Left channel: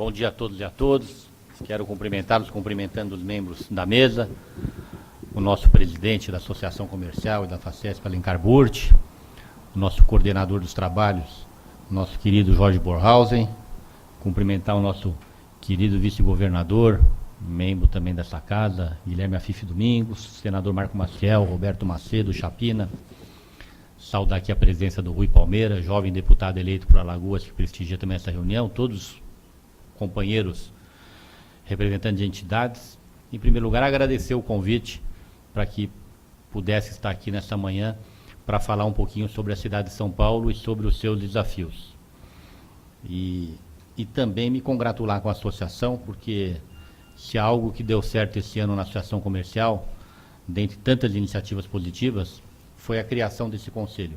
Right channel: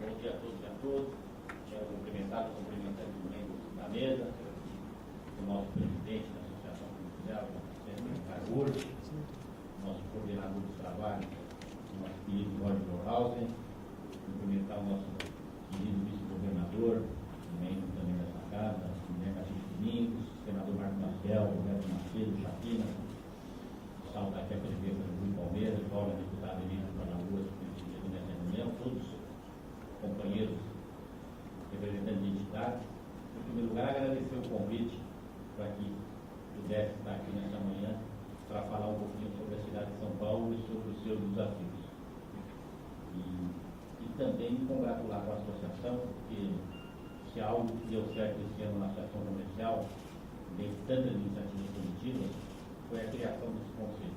Bom dia a todos e a todas. Quero cumprimentá-los, cumprimentando os membros da mesa, o nosso presidente da Associação Comercial e da FACESP, Alencar Burti, o nosso coordenador dos trabalhos, nosso querido Jorge Borhausen, cumprimentar o nosso querido vice-governador, membro também dessa casa, Guilherme Afife Domingos, senador Marco Maciel, Roberto Macedo, Chapina, saudar aqui a presença do Rui Palmeira, jovem deputado eleito por Alagoas, que prestigia também essa reunião, todos companheiros representantes de entidades. Em primeiro lugar, agradecer o convite para que pudesse estar aqui nessa manhã para falar um pouquinho sobre a cidade de São Paulo e sobre os seus desafios. E também me congratular com a associação, porque se há algo que deu certo esse ano na Associação Comercial, dentre tantas iniciativas positivas, foi a criação desse conselho,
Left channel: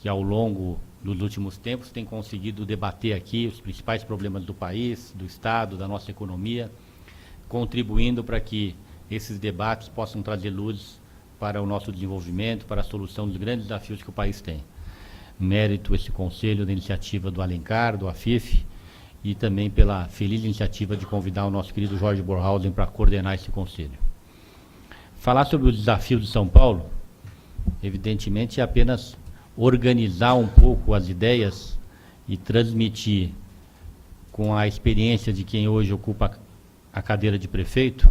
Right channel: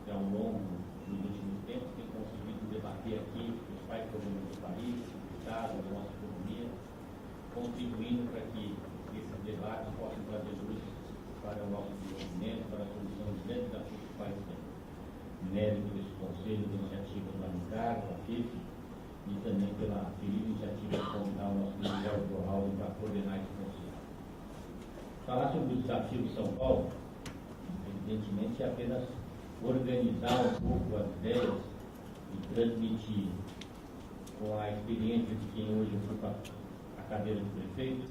que ao longo dos últimos tempos tem conseguido debater aqui os principais problemas do país, do Estado, da nossa economia, contribuindo para que esses debates possam trazer luz para o nosso desenvolvimento, para a solução dos grandes desafios que o país tem. Mérito esse conselho da iniciativa do Alencar, do Afife, e também pela feliz iniciativa de convidar o nosso querido Jorge Borhausen para coordenar esse conselho. Falar sobre os desafios de São Paulo, evidentemente, é apenas organizar um pouco as ideias e transmitir, com a experiência de quem hoje ocupa a cadeira de prefeito,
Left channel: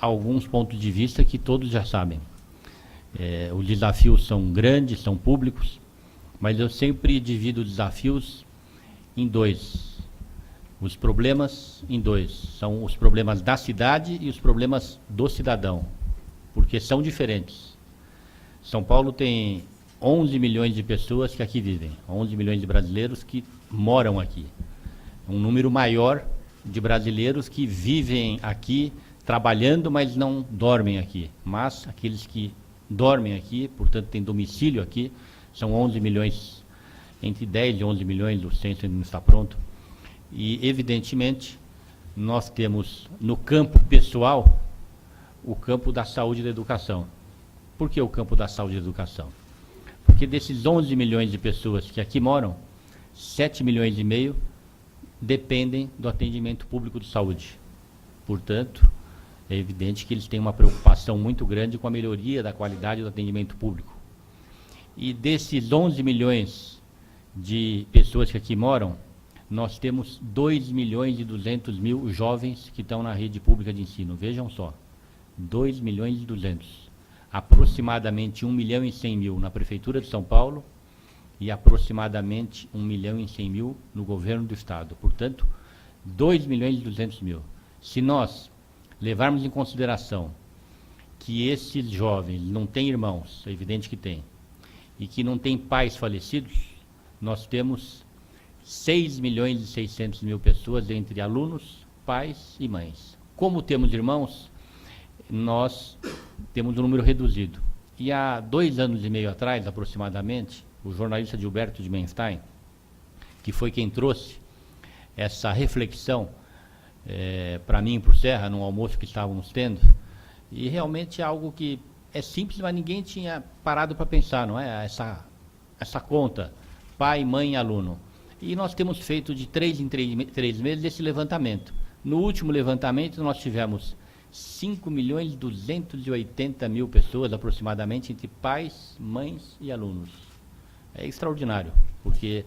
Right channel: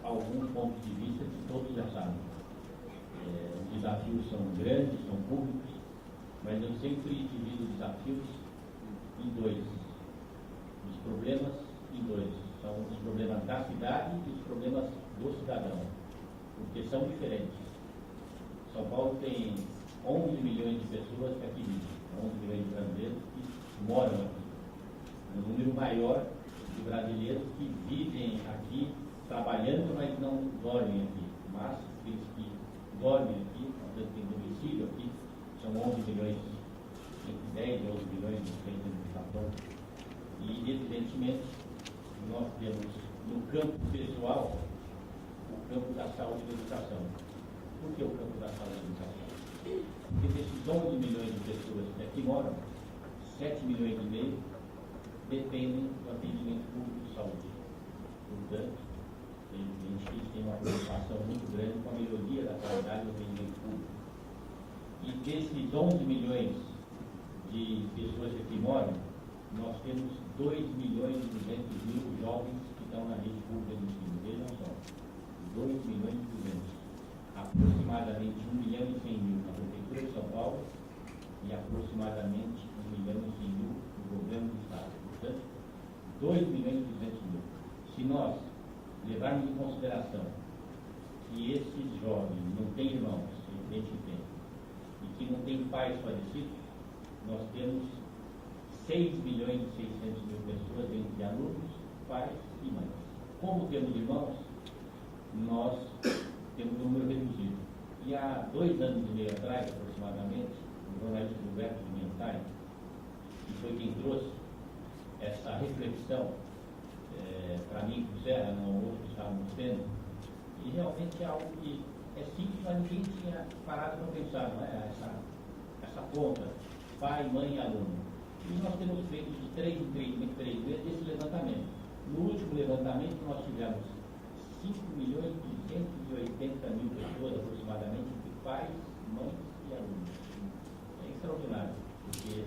alguns pontos de vista que todos já sabem. Os desafios são grandes, são públicos, mas eu sempre divido desafios em dois. Os problemas em dois. São os problemas da cidade e os problemas do cidadão, porque são diferentes. São Paulo tem 11 milhões de pessoas que aqui vivem, 11 milhões de brasileiros que moram aqui. Um número maior de brasileiros que vivem aqui, trabalhando, mas não dormem aqui. Mas aqueles que dormem aqui, portanto têm domicílio aqui, são 11 milhões, entre 10 e 11 milhões, o censo ainda não está pronto. E, evidentemente, nós temos no campo pessoal o campo da saúde e da educação. Por que o campo da saúde e da educação? Porque desses 11 milhões de pessoas que aqui moram, 7 milhões e meio dependem do atendimento público de saúde. Portanto, é evidente que eles têm uma preocupação muito grande com a melhoria da qualidade do atendimento público. E desses 11 milhões de pessoas que aqui moram, nós temos 2 milhões e 200 mil jovens que estão na rede pública de ensino. Vejam só, 2 milhões e 200. Aproximadamente 1 milhão e 100 mil na Prefeitura de São Paulo e aproximadamente 1 milhão e 100 mil no governo do Estado. Portanto, 2 milhões e 200 mil. Se nós levarmos em consideração que esses jovens não têm irmãos, é evidente que tem, e que não têm pais falecidos, nós temos 6 milhões e 600 mil pessoas entre alunos, pais e mães. Como temos irmãos, nós temos um número reduzido. E há 2 anos e meio atrás, aproximadamente, o jornalista Gilberto de Menstein, que foi quem trouxe essa reflexão para mim e para o Serra, num almoço que estávamos tendo, e realmente é algo que é simples, mas ninguém tinha parado para pensar, não é? Essa conta, pai, mãe e aluno. E nós temos feito de 3 em 3 meses esse levantamento. No último levantamento, nós tivemos 5 milhões e 280 mil pessoas, aproximadamente, entre pais, mães e alunos. É extraordinário, porque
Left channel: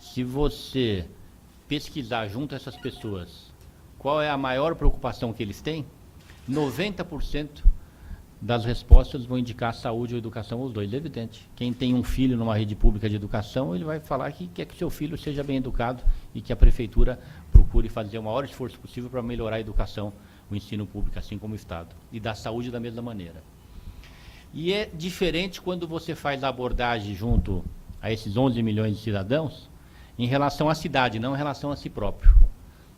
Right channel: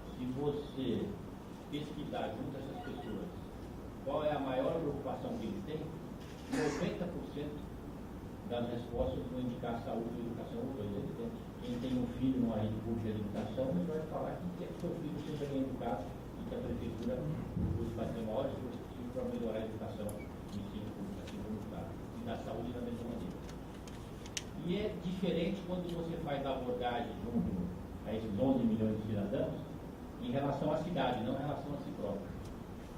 se você pesquisar junto a essas pessoas qual é a maior preocupação que eles têm, 90% das respostas vão indicar saúde ou educação, os dois, é evidente. Quem tem um filho numa rede pública de educação, ele vai falar que quer que o seu filho seja bem educado e que a prefeitura procure fazer o maior esforço possível para melhorar a educação no ensino público, assim como o Estado, e da saúde da mesma maneira. E é diferente quando você faz a abordagem junto a esses 11 milhões de cidadãos em relação à cidade, não em relação a si próprio.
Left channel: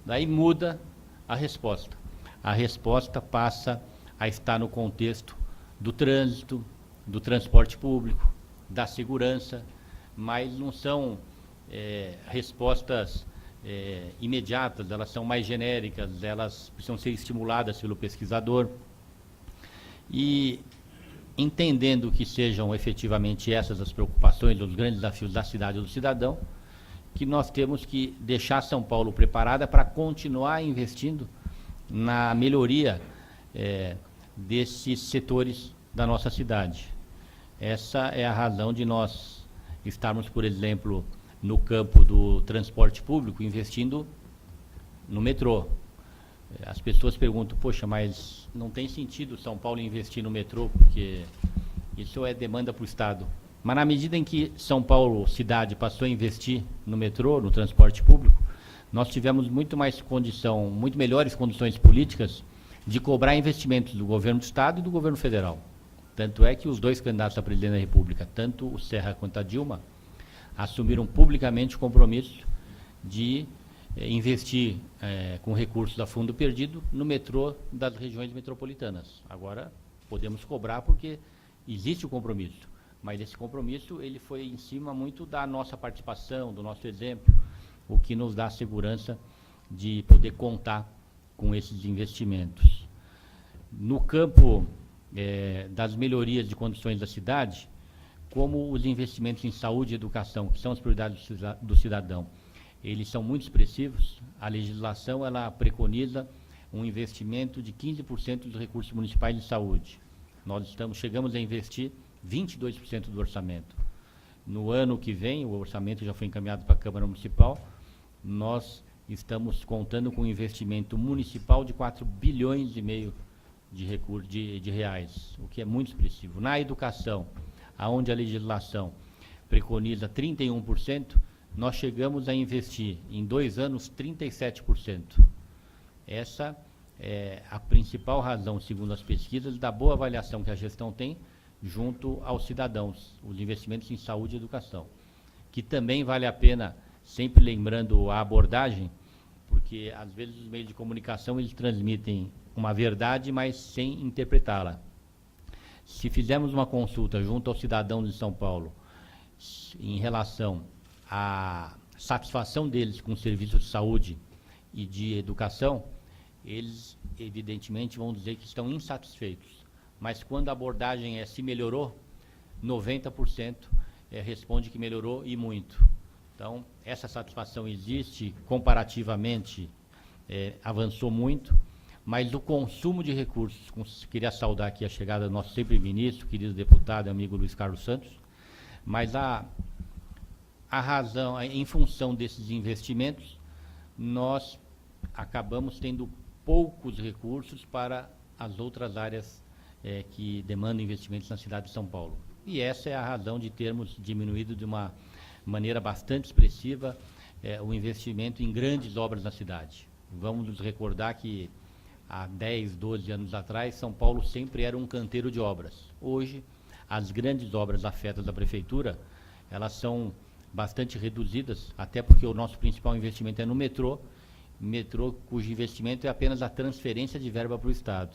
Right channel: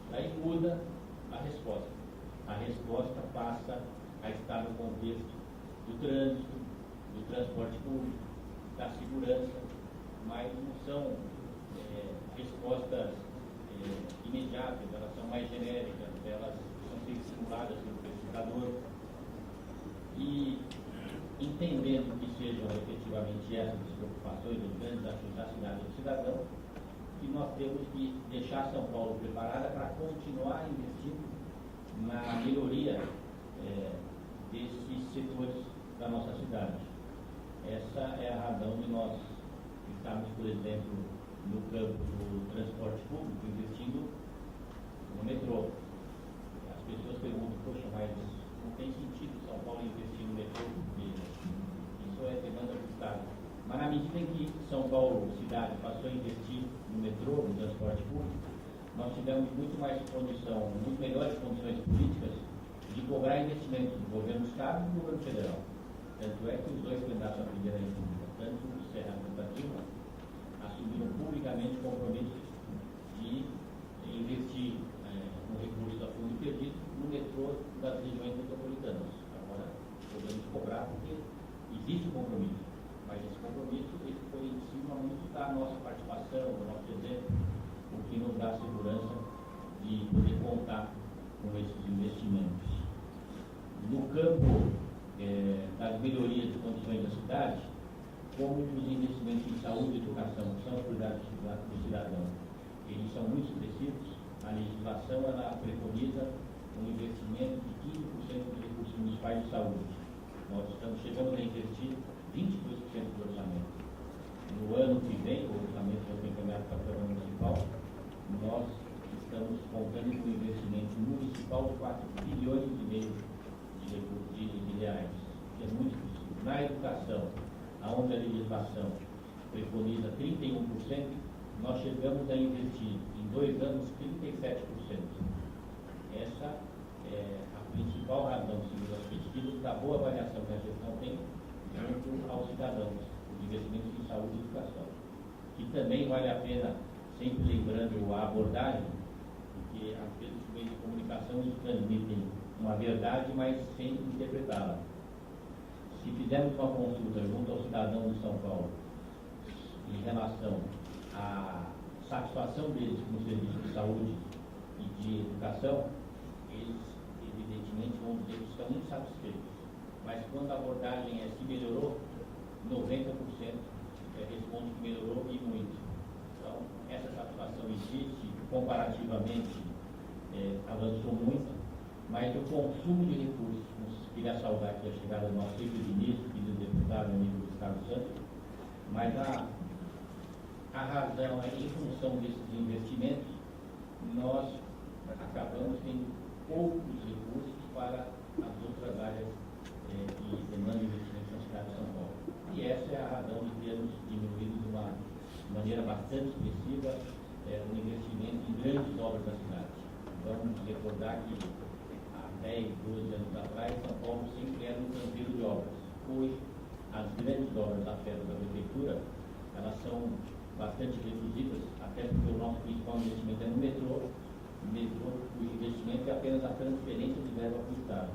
Daí muda a resposta. A resposta passa a estar no contexto do trânsito, do transporte público, da segurança, mas não são respostas imediatas, elas são mais genéricas, elas precisam ser estimuladas pelo pesquisador. E entendendo que sejam efetivamente essas as preocupações, os grandes desafios da cidade e do cidadão, que nós temos que deixar São Paulo preparada para continuar investindo na melhoria desses setores da nossa cidade. Essa é a razão de nós estarmos, por exemplo, no campo do transporte público, investindo no metrô. As pessoas perguntam, poxa, mas não tem sentido São Paulo investir no metrô, porque isso é demanda para o Estado. Mas na medida em que São Paulo, cidade, passou a investir no metrô, no transporte público, nós tivemos muito melhores condições políticas de cobrar investimentos do governo do Estado e do governo federal. Tanto é que os dois candidatos a presidente da República, tanto o Serra quanto a Dilma, assumiram publicamente o compromisso de investir com recursos da Fundo Perdido no metrô das regiões metropolitanas. Agora podemos cobrar porque existe o compromisso, mas esse compromisso ele foi em cima muito da nossa participação, do nosso exemplo, o que nos dá segurança de poder contar com esses investimentos. No campo das melhorias de condições da cidade, como os investimentos em saúde e educação, que são as prioridades do cidadão, eles são muito expressivos. A legislação ela preconiza um investimento de 15% dos recursos municipais em saúde. Nós chegamos a investir 22% do orçamento. No ano que vem, o orçamento já foi encaminhado para a Câmara Municipal, nós estamos contando com um investimento municipal de 4 bilhões e meio de reais, o que é muito expressivo. Na educação, aonde a legislação preconiza 31%, nós chegamos a investir em 2 anos 37%. Essa é a principal razão, segundo as pesquisas, da boa avaliação que a gestão tem junto aos cidadãos, os investimentos em saúde e educação, que também vale a pena, sempre lembrando a abordagem, porque às vezes os meios de comunicação eles transmitem uma verdade, mas sem interpretá-la. Se fizermos uma consulta junto aos cidadãos de São Paulo em relação à satisfação deles com o serviço de saúde e de educação, eles evidentemente vão dizer que estão insatisfeitos. Mas quando a abordagem se melhorou, 90% responde que melhorou e muito. Então, essa satisfação existe, comparativamente avançou muito, mas o consumo de recursos, queria saudar aqui a chegada do nosso sempre ministro, querido deputado, amigo Luiz Carlos Santos, mas a razão, em função desses investimentos, nós acabamos tendo poucos recursos para as outras áreas que demandam investimentos na cidade de São Paulo. E essa é a razão de termos diminuído de uma maneira bastante expressiva o investimento em grandes obras na cidade. Vamos nos recordar que há 10, 12 anos atrás, São Paulo sempre era um canteiro de obras. Hoje, as grandes obras afetas da prefeitura, elas são bastante reduzidas, até porque o nosso principal investimento é no metrô, cujo investimento é apenas a transferência de verba para o Estado.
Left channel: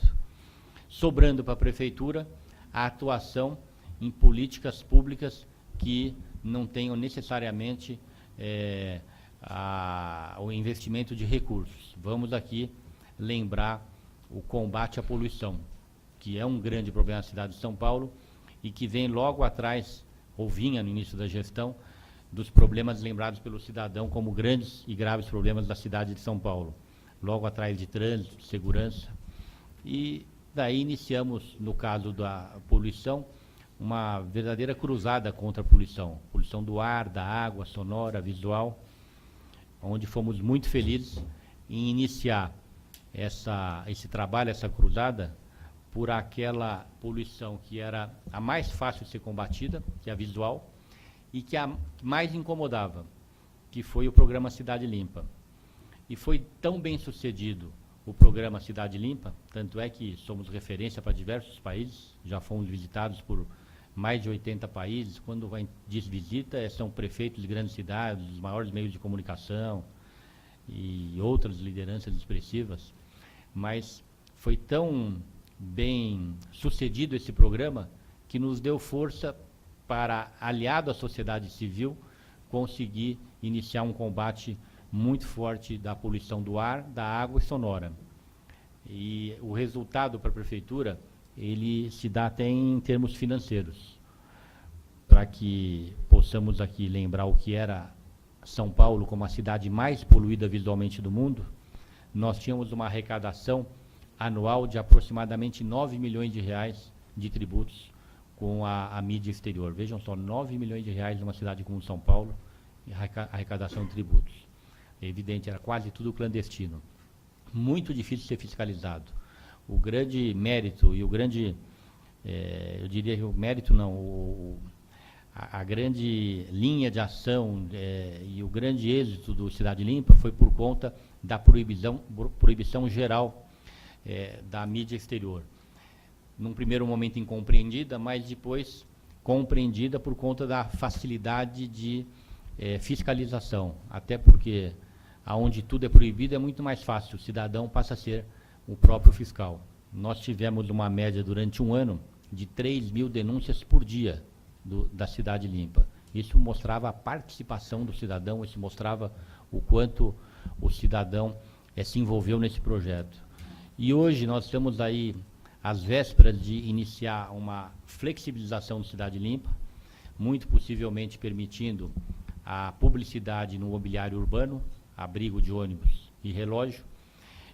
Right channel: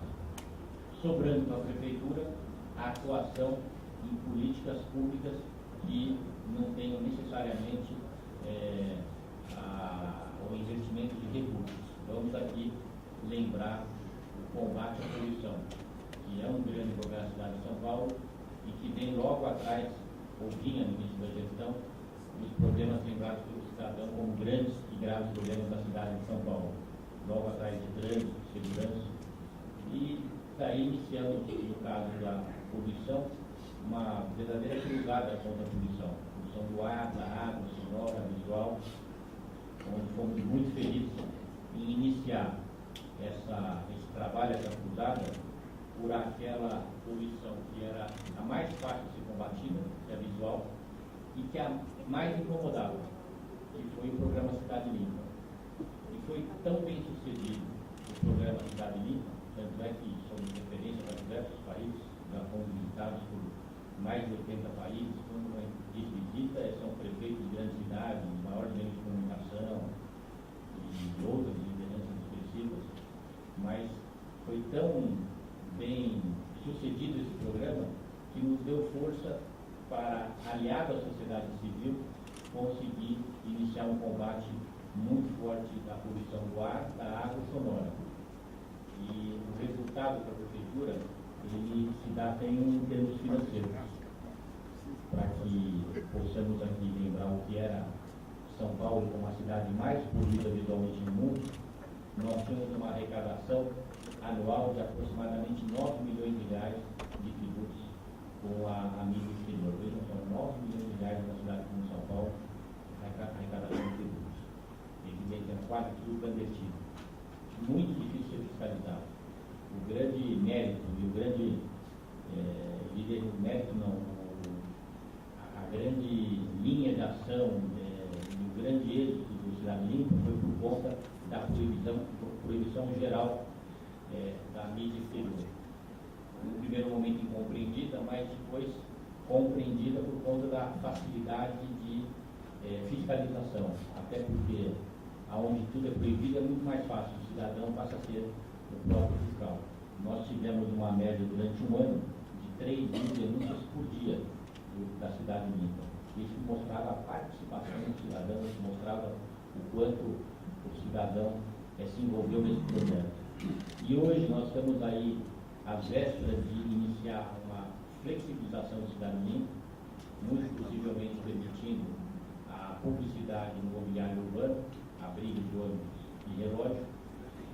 Sobrando para a prefeitura a atuação em políticas públicas que não tenham necessariamente o investimento de recursos. Vamos aqui lembrar o combate à poluição, que é um grande problema da cidade de São Paulo e que vem logo atrás, ou vinha no início da gestão, dos problemas lembrados pelo cidadão como grandes e graves problemas da cidade de São Paulo. Logo atrás de trânsito, de segurança. E daí iniciamos, no caso da poluição, uma verdadeira cruzada contra a poluição. Poluição do ar, da água, sonora, visual, onde fomos muito felizes em iniciar esse trabalho, essa cruzada, por aquela poluição que era a mais fácil de ser combatida, que é a visual, e que a mais incomodava, que foi o programa Cidade Limpa. E foi tão bem sucedido o programa Cidade Limpa, tanto é que somos referência para diversos países, já fomos visitados por mais de 80 países. Quando diz visita, são prefeitos de grandes cidades, os maiores meios de comunicação e outras lideranças expressivas, mas foi tão bem sucedido esse programa que nos deu força para, aliado à sociedade civil, conseguir iniciar um combate muito forte da poluição do ar, da água e sonora. E o resultado para a prefeitura, ele se dá até em termos financeiros. Para que possamos aqui lembrar o que era São Paulo como a cidade mais poluída visualmente do mundo, nós tínhamos uma arrecadação anual de aproximadamente 9 milhões de reais de tributos com a mídia exterior. Vejam só, 9 milhões de reais numa cidade como São Paulo, arrecadação de tributos. É evidente, era quase tudo clandestino. Muito difícil ser fiscalizado. O grande mérito e o grande, eu diria que o mérito não, a grande linha de ação e o grande êxito do Cidade Limpa foi por conta da proibição geral da mídia exterior. Num primeiro momento incompreendida, mas depois compreendida por conta da facilidade de fiscalização. Até porque, aonde tudo é proibido, é muito mais fácil. O cidadão passa a ser o próprio fiscal. Nós tivemos uma média durante um ano de 3 mil denúncias por dia da Cidade Limpa. Isso mostrava a participação do cidadão, isso mostrava o quanto o cidadão se envolveu nesse projeto. E hoje nós estamos aí às vésperas de iniciar uma flexibilização do Cidade Limpa, muito possivelmente permitindo a publicidade no mobiliário urbano, abrigo de ônibus e relógio,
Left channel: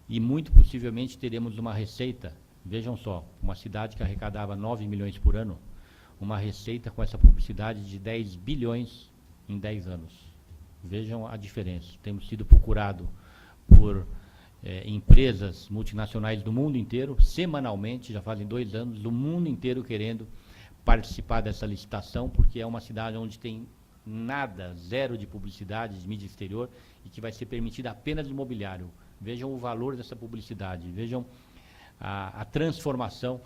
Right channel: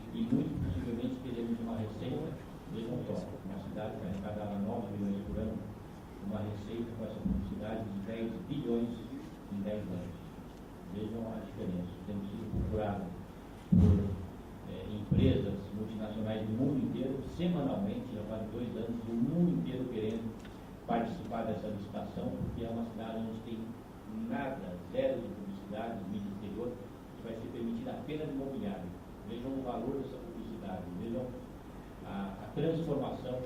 e muito possivelmente teremos uma receita, vejam só, uma cidade que arrecadava 9 milhões por ano, uma receita com essa publicidade de 10 bilhões em 10 anos. Vejam a diferença. Temos sido procurados por empresas multinacionais do mundo inteiro, semanalmente, já fazem 2 anos, do mundo inteiro querendo participar dessa licitação, porque é uma cidade onde tem nada, zero de publicidade, de mídia exterior, e que vai ser permitida apenas imobiliário. Vejam o valor dessa publicidade, vejam a transformação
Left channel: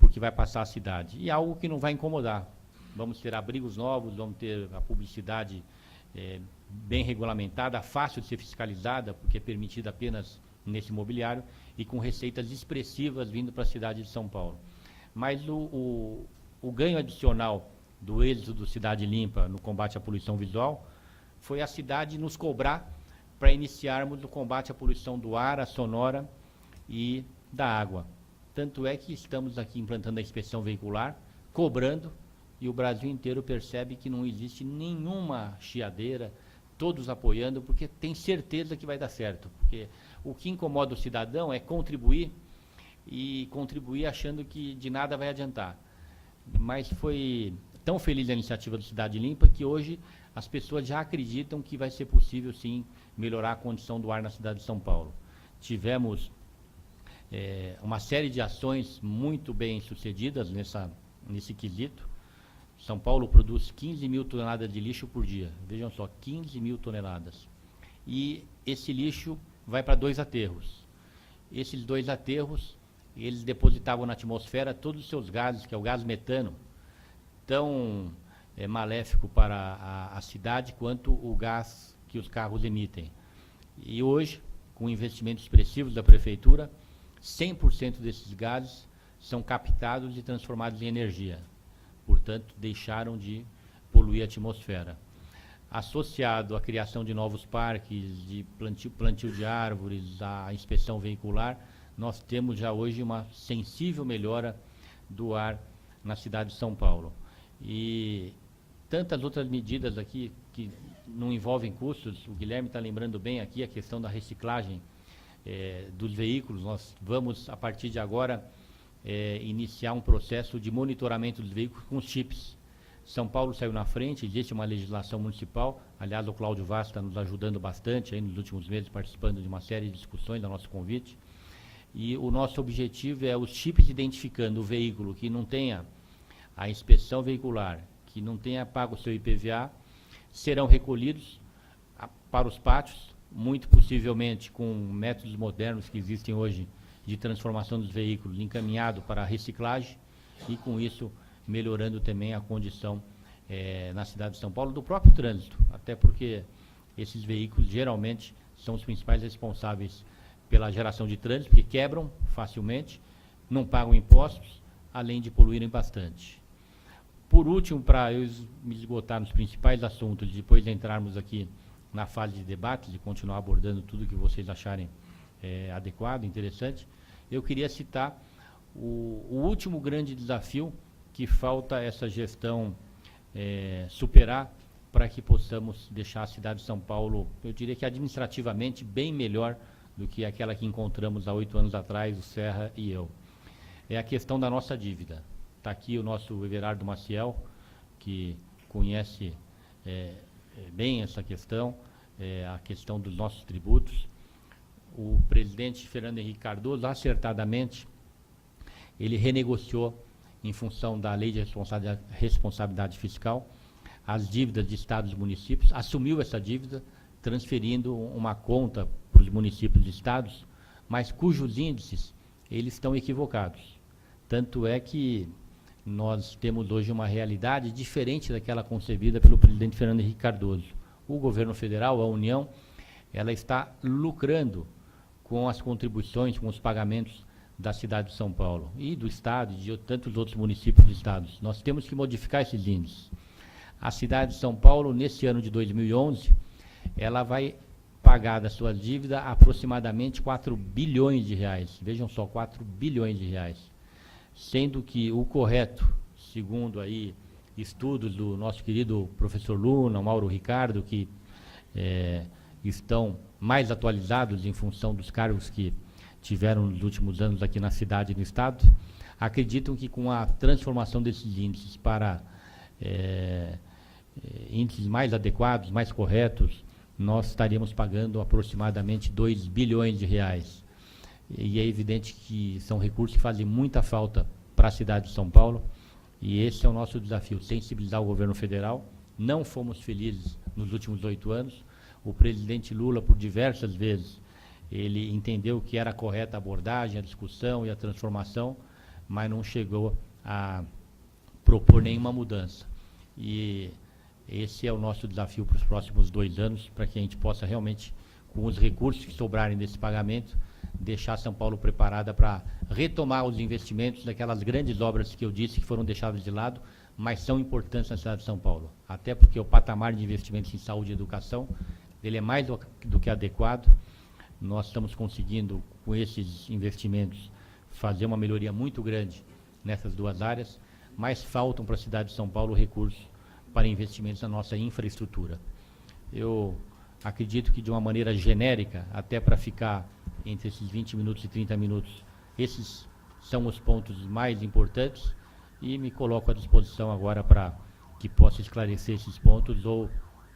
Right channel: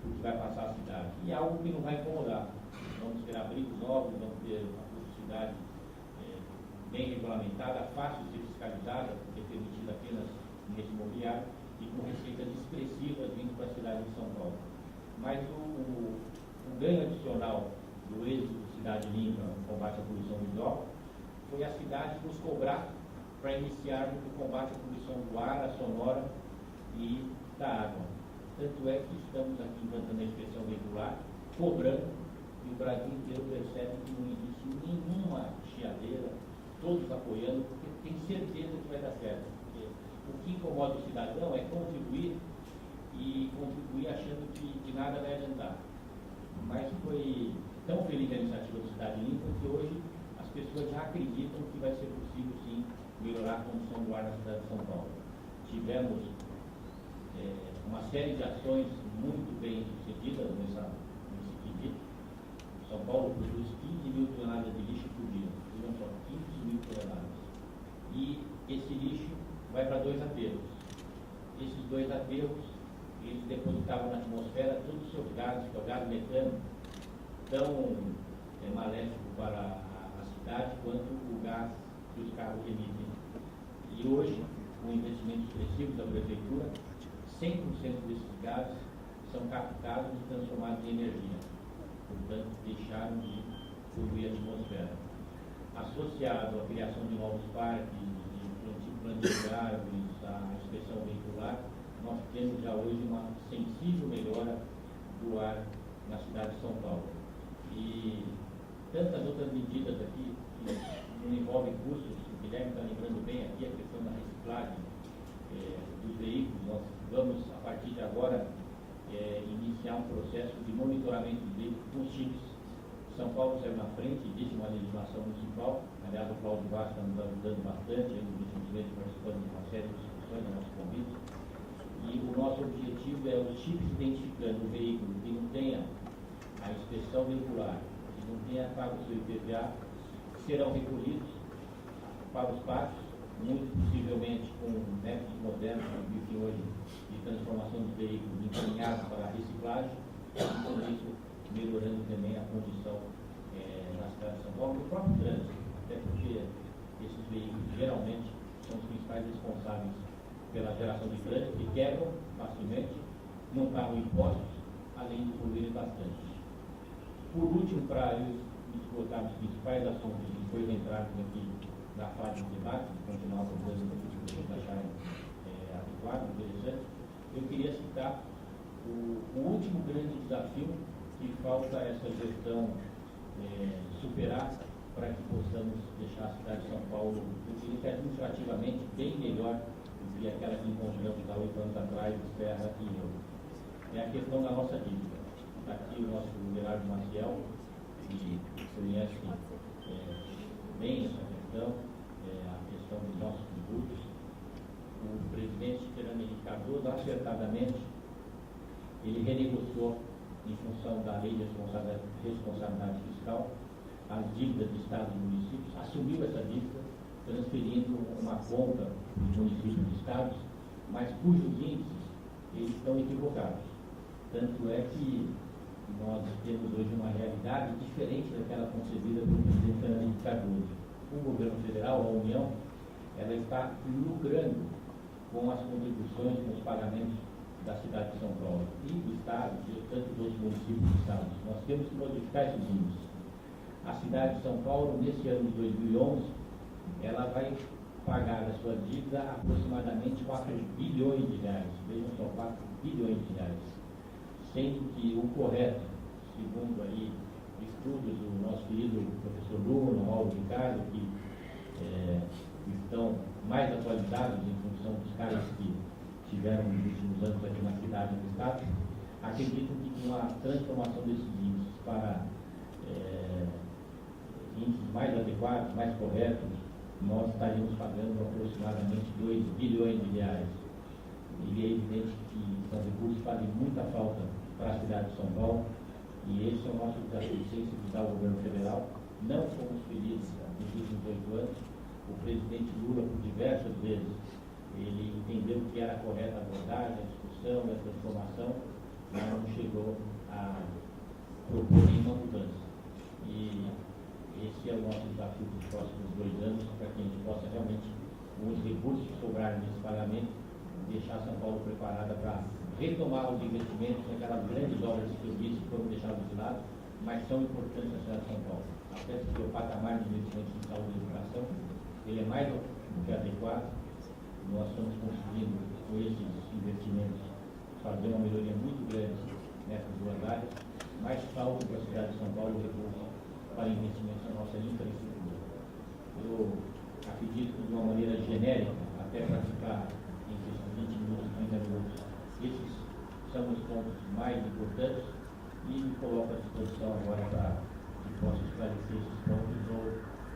por que vai passar a cidade. E algo que não vai incomodar. Vamos ter abrigos novos, vamos ter a publicidade bem regulamentada, fácil de ser fiscalizada, porque é permitida apenas nesse imobiliário, e com receitas expressivas vindo para a cidade de São Paulo. Mas o ganho adicional do êxito do Cidade Limpa no combate à poluição visual foi a cidade nos cobrar para iniciarmos o combate à poluição do ar, a sonora e da água. Tanto é que estamos aqui implantando a inspeção veicular, cobrando, e o Brasil inteiro percebe que não existe nenhuma chiadeira, todos apoiando, porque tem certeza que vai dar certo. Porque o que incomoda o cidadão é contribuir, e contribuir achando que de nada vai adiantar. Mas foi tão feliz a iniciativa do Cidade Limpa que hoje as pessoas já acreditam que vai ser possível, sim, melhorar a condição do ar na cidade de São Paulo. Tivemos uma série de ações muito bem sucedidas nesse quesito. São Paulo produz 15 mil toneladas de lixo por dia. Vejam só, 15 mil toneladas. E esse lixo vai para 2 aterros. Esses 2 aterros, eles depositavam na atmosfera todos os seus gases, que é o gás metano, tão maléfico para a cidade quanto o gás que os carros emitem. E hoje, com investimentos expressivos da Prefeitura, 100% desses gases são captados e transformados em energia. Portanto, deixaram de poluir a atmosfera. Associado à criação de novos parques, de plantio de árvores, à inspeção veicular, nós temos já hoje uma sensível melhora do ar na cidade de São Paulo. E tantas outras medidas aqui que não envolvem custos. O Guilherme está lembrando bem aqui a questão da reciclagem dos veículos. Nós vamos, a partir de agora, iniciar um processo de monitoramento dos veículos com os chips. São Paulo saiu na frente, existe uma legislação municipal. Aliás, o Cláudio Vaz está nos ajudando bastante aí nos últimos meses, participando de uma série de discussões do nosso convite. E o nosso objetivo é os chips identificando o veículo que não tenha a inspeção veicular, que não tenha pago o seu IPVA, serão recolhidos para os pátios, muito possivelmente com métodos modernos que existem hoje de transformação dos veículos, encaminhado para a reciclagem, e com isso melhorando também a condição na cidade de São Paulo do próprio trânsito, até porque esses veículos geralmente são os principais responsáveis pela geração de trânsito, porque quebram facilmente, não pagam impostos, além de poluírem bastante. Por último, para me esgotar nos principais assuntos, e depois entrarmos aqui na fase de debates e continuar abordando tudo que vocês acharem adequado, interessante, eu queria citar o último grande desafio que falta essa gestão superar, para que possamos deixar a cidade de São Paulo, eu diria que administrativamente, bem melhor do que aquela que encontramos há 8 anos atrás, o Serra e eu. É a questão da nossa dívida. Está aqui o nosso Everardo Maciel, que conhece bem essa questão, a questão dos nossos tributos. O presidente Fernando Henrique Cardoso, acertadamente, ele renegociou, em função da Lei de Responsabilidade Fiscal, as dívidas de estados e municípios, assumiu essa dívida, transferindo uma conta para os municípios e estados, mas cujos índices eles estão equivocados. Tanto é que nós temos hoje uma realidade diferente daquela concebida pelo presidente Fernando Henrique Cardoso. O governo federal, a União, ela está lucrando com as contribuições, com os pagamentos da cidade de São Paulo e do estado, de tantos outros municípios e estados. Nós temos que modificar esses índices. A cidade de São Paulo, nesse ano de 2011, ela vai pagar da sua dívida aproximadamente 4 bilhões de reais. Vejam só, 4 bilhões de reais. Sendo que o correto, segundo aí estudos do nosso querido professor Luna, Mauro Ricardo, que estão mais atualizados em função dos cargos que tiveram nos últimos anos aqui na cidade e no estado, acreditam que com a transformação desses índices para índices mais adequados, mais corretos, nós estaríamos pagando aproximadamente 2 bilhões de reais. E é evidente que são recursos que fazem muita falta para a cidade de São Paulo, e esse é o nosso desafio, sensibilizar o governo federal. Não fomos felizes nos últimos 8 anos. O presidente Lula, por diversas vezes, ele entendeu que era correta a abordagem, a discussão e a transformação, mas não chegou a propor nenhuma mudança. E esse é o nosso desafio para os próximos 2 anos, para que a gente possa realmente, com os recursos que sobrarem desse pagamento, deixar São Paulo preparada para retomar os investimentos daquelas grandes obras que eu disse que foram deixadas de lado, mas são importantes na cidade de São Paulo. Até porque o patamar de investimentos em saúde e educação, ele é mais do que adequado. Nós estamos conseguindo, com esses investimentos, fazer uma melhoria muito grande nessas 2 áreas, mas faltam para a cidade de São Paulo recursos para investimentos na nossa infraestrutura. Eu acredito que, de uma maneira genérica, até para ficar entre esses 20 minutos e 30 minutos, esses são os pontos mais importantes, e me coloco à disposição agora para que possa esclarecer esses pontos ou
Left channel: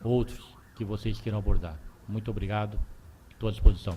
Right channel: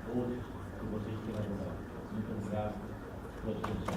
outros que vocês queiram abordar. Muito obrigado, estou à disposição.